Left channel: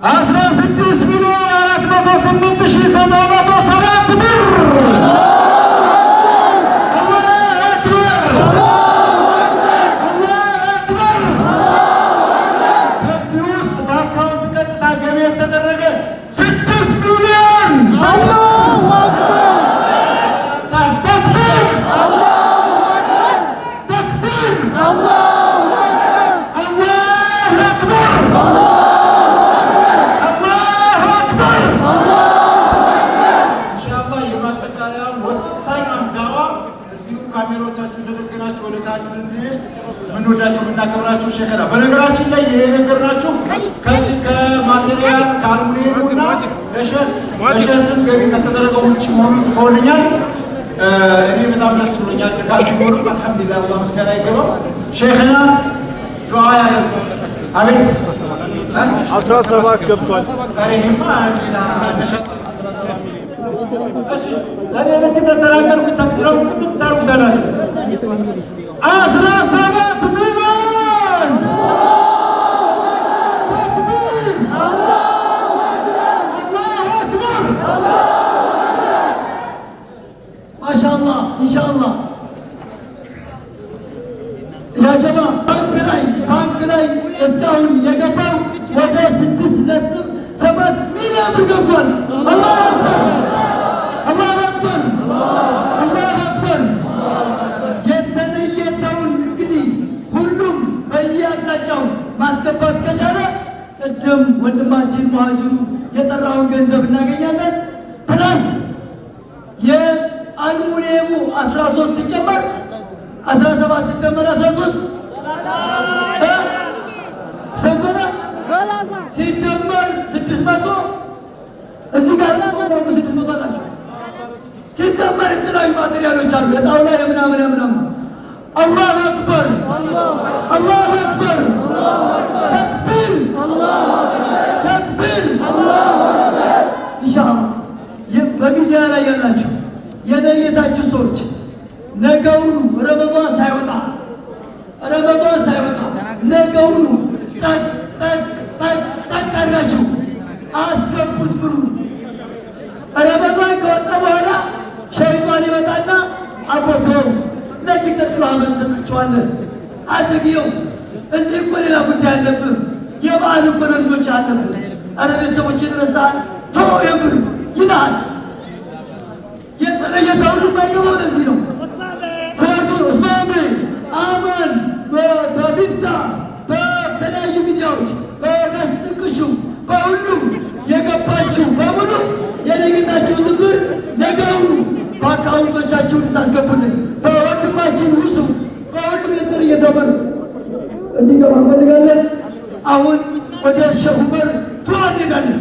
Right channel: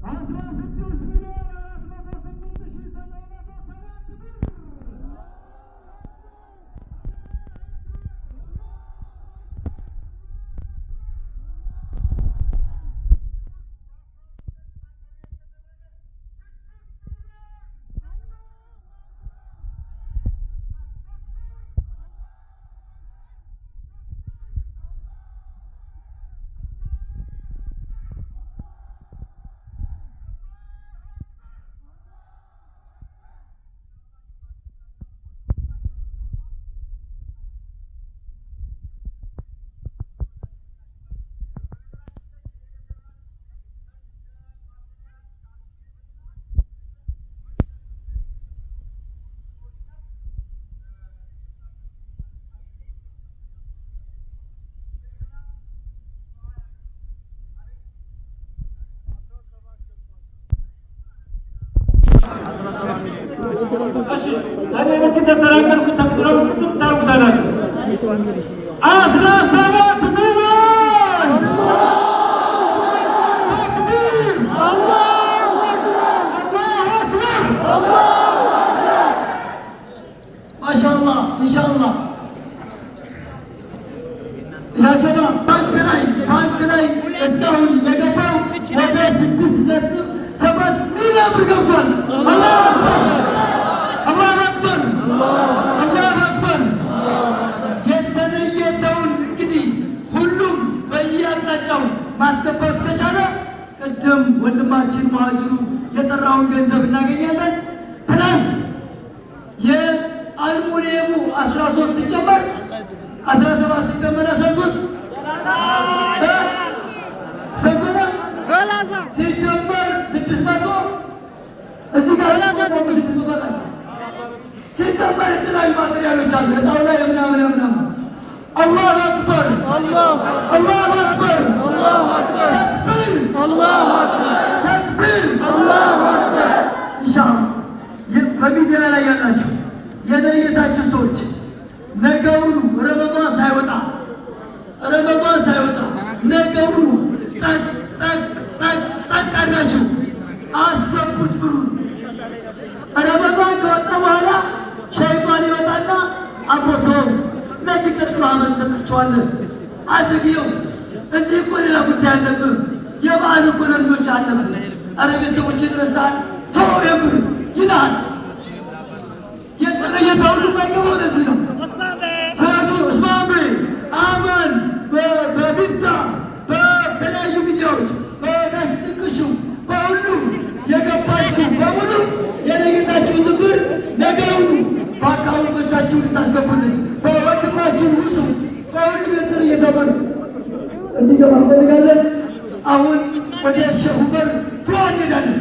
16,408,907 ብር ካሜራዎቻችሁ ተደግናችሁ ወለታችሁ ምንወዳችሁ ምናከብራችሁ ሸከራ በነገራችን ላይ ይሄ ነገርናችሁ ከዚህ ከማቴሪያል ከአልሙኒየምና ለሸስም ገቢ ከተደረገው ውጭ መሆኑን ጽፎልኛል። እኔ በጣም ደስ ብሎኛል። ተካክሎ አልሐምዱሊላህ አላህ ምስጋና ይገባው። ሸይኽና ዱዓ ያደርጉ። አቤት 17 ገብቷል። አሬማ ሌላ እሺ ታዲያ ለከተራ ተራቀቁ ተብለው ተዛሩ ታላችሁ 17 ሚሊዮን አላሁ አክበር ማሻአላህ ኢንሻአላህ ያ ጀማዓ ባንክ ላይ እስካሁን የገባው ወደ 6.7 ሚሊዮን ብር ገብቷል። አላሁ አክበር አላሁ አክበር። የተለየተውን እንግዲህ ሁሉም በየአቅጣጫው ማስገባት ከቻለ ቅድም ወንድማችን መሀጅሩ የጠራውን ገንዘብ እናገኛለን። ፕላስ የአልሙኒየሙ 13 ሲጨመር 17 ሲጨመር 13 ሲጨመር 600 እዚህ ጋር ሲጨመር የተለያዩ ማቴሪያሎች አሉ። የጣውላ የምናምን አላሁ አክበር አላሁ አክበር ተክቢር አላሁ አክበር። ኢንሻአላህ በሚዲያ ላይ ያላችሁ የነየታችሁ ሰዎች ነገውኑ ረመዳን ሳይወጣ ነገውኑ ጠቅ አድርጋችሁ አስገቡት ብሩ። ረመዳን ከወጣ በኋላ ሸይጣን ይመጣና አቦቶ ለሚቀጥለው ዓመት ሰጥቼዋለሁ አዝግየው፣ እዚህ እኮ ሌላ ጉዳይ አለብህ፣ የበዓል እኮ ለልጆች አለብህ፣ ኧረ ቤተሰቦችን ይመስላል ተው የምር ይላል። የተለየታው የማይገባው ለዚህ ነው። ስለዚህ ኡስማን አማን በቢፍታ በተለያዩ ሚዲያዎች በገስጥቅሹ በሁሉም የገባችሁ በሙሉ የነጌታችሁን ብር ነገውኑ በአካውንቶቻችሁ ልታስገቡልን በወንድማችን ውሱ በሁሉም የጥር እየተበሉ እንዲገባ እንፈልጋለን። አሁን ወደ ሸህ ዑመር ዱዓ እንሄዳለን።